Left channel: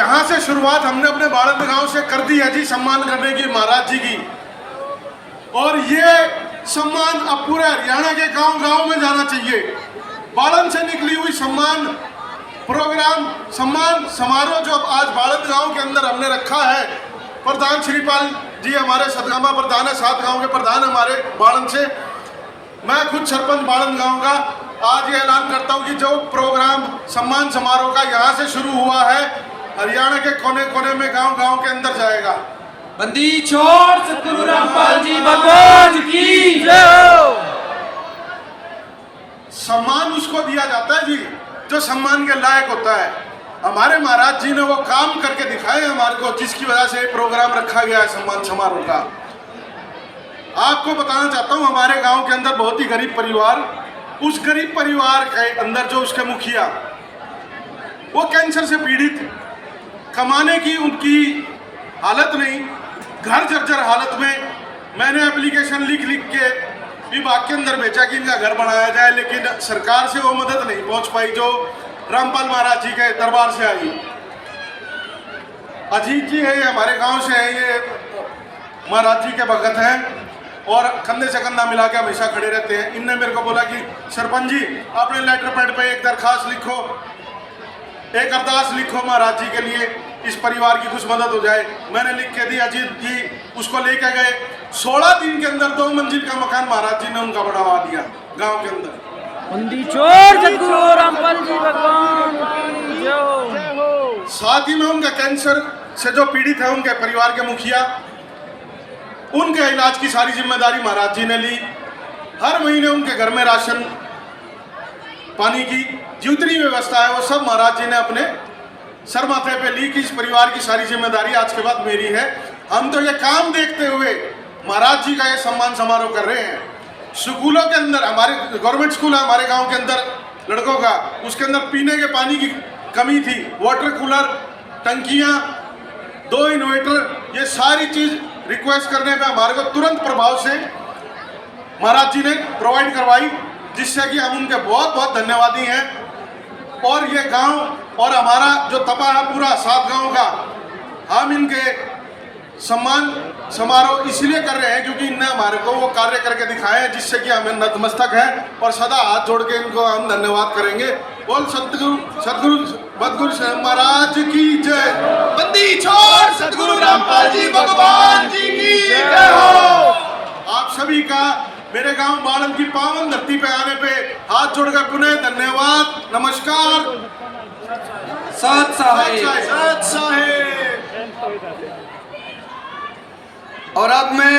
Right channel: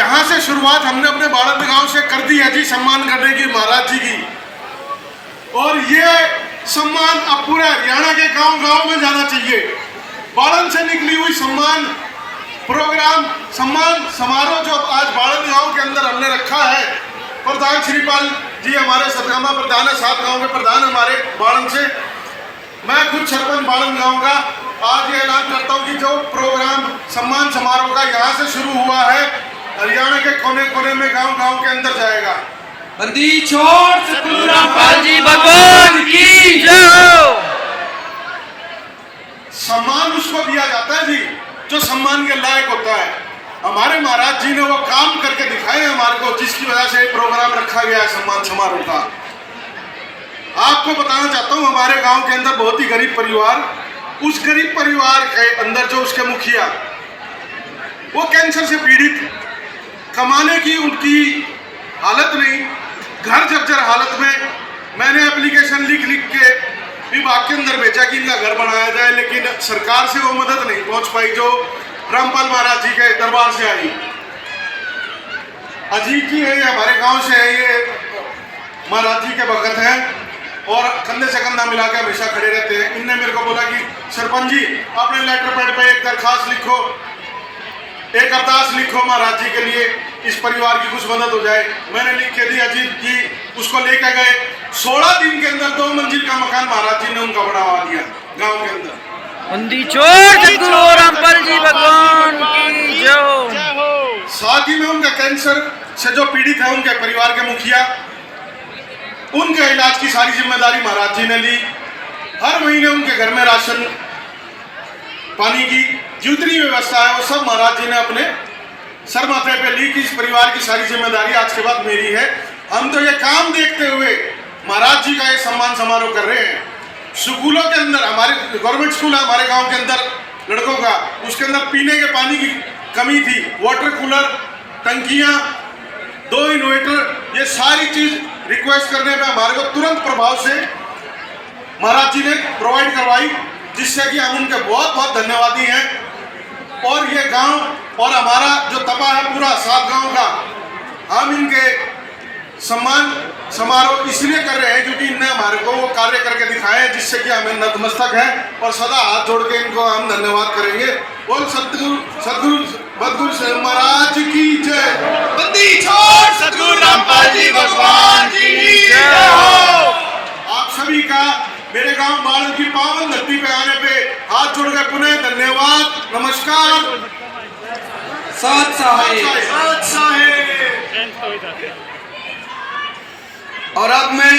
यहाँ से शुरुआत हमने अपने बाड़ंद गांव से कर दी है जी, सम्मान करने की महाराज जी की। और ये सम्मान अब पूरे हरियाणा के गांव गांव में जाना चाहिए। बाड़ंद से निकली हुई सम्मान प्रोग्राम, सम्मान समारोह जो आज बाड़ंद गांव के अंदर हमने रखा है, प्रधान श्रीपाल जी हमारे सतगामा प्रधान है, 7 गांव के प्रधान हमारे बाड़ंद से, मैं खुद सरपंच बाड़ंद गांव का आज ये ऐलान करता हूं कि जो प्रोग्राम सम्मान समारोह का यहाँ से शुरू हुआ है, हरियाणा के कोने कोने में गांव गांव के अंदर जाएगा। बंदी छोड़ सतगुरु रामपाल जी भगवान की जय। सम्मान उसको दिया जाता है जी जो सम्मान के लायक होता है। हमारे महाराज जी ने वो काम करके दिखाए हमारे को, जिसकी वजह से प्रोग्राम रखा गया है सम्मान समारोह का। आपको बताना चाहता हूँ, हमारे गांव के अंदर बहुत ही गरीब परिवार, उस गरीब परिवार के अंदर जो उसके मुखिया, वो कैंसर से पीड़ित, कमाने की उनकी हालत नहीं, घर जर्जर हालत में। मैंने एप्लीकेशन लिख के विभाग के अंदर भेजा कि इनका घर बनाया जाए, लेकिन सरकार से वो मदद नहीं पहुंच पाई जो रामपाल महाराज जी के दरबार से आई। अजीत जी है, हमारे गांव से है, ये महाराज जी के भगत हैं और कंधे से कंधा मिला के हमेशा खड़े रहते हैं। इनने मेरे को बोला कि सरपंच जी अपने लेटर पैड पे एक दरखास्त लिखो, एक अरदास लिखो महाराज जी के लिए, इस परिवार की कुछ मदद हो जाए। मैंने लिख के दी, अजीत जी उसको लेके गए। 16 दिन के अंदर 2 मंजिल का मकान महाराज जी ने उनका बनवा दिया गांव के अंदर। बंदी छोड़ सतगुरु रामपाल जी भगवान की जय। साथ ही में उनके कैंसर से जो पीड़ित है, उनके परिवार के मुखिया, उनके इलाज की सारी जिम्मेदारी महाराज जी ने ली। हर महीने उनके घर में राशन पानी की जितनी व्यवस्था है वो सब महाराज जी ने अपने सर माथे पे ली कि इस परिवार की सारी जिम्मेदारी आज के बाद मेरी है। हम तो ये काम देखते हुए महाराज जी का ये सम्मान समारोह कर रहे हैं। स्कूलों के अंदर, हमारे गवर्नमेंट स्कूल है हमारे गांव के अंदर लड़कों का, उसके अंदर पीने के पानी की कमी थी, वाटर कूलर, टंकियां, 2 इन्वर्टर, ये सारी चीज रिक्वेस्ट करने पे हमारे को तुरंत प्रभाव से महाराज जी ने प्रोवाइड करवाई, जिससे कि हम उनके बहुत बहुत धन्यवादी हैं। और ये गांव और हमारा जो तपा है पूरा 7 गांव का, हम इनके सम्मान समारोह इसलिए कर रहे हैं क्योंकि इनने हमारे को वो कार्य करके दिखाए हैं, जिससे कि हमें नतमस्तक है और सदा हाथ जोड़ के इनको हम धन्यवाद करेंगे। बोल सतगुरु महाराज की जय। बंदी छोड़ सतगुरु रामपाल जी भगवान की जय हो। आप सभी का मेरे गांव बाड़ंद की पावन धरती पे आने पे हाथ जोड़कर पुनः धन्यवाद, नमस्कार, सत साहेब। सत साहेब। और अब मैं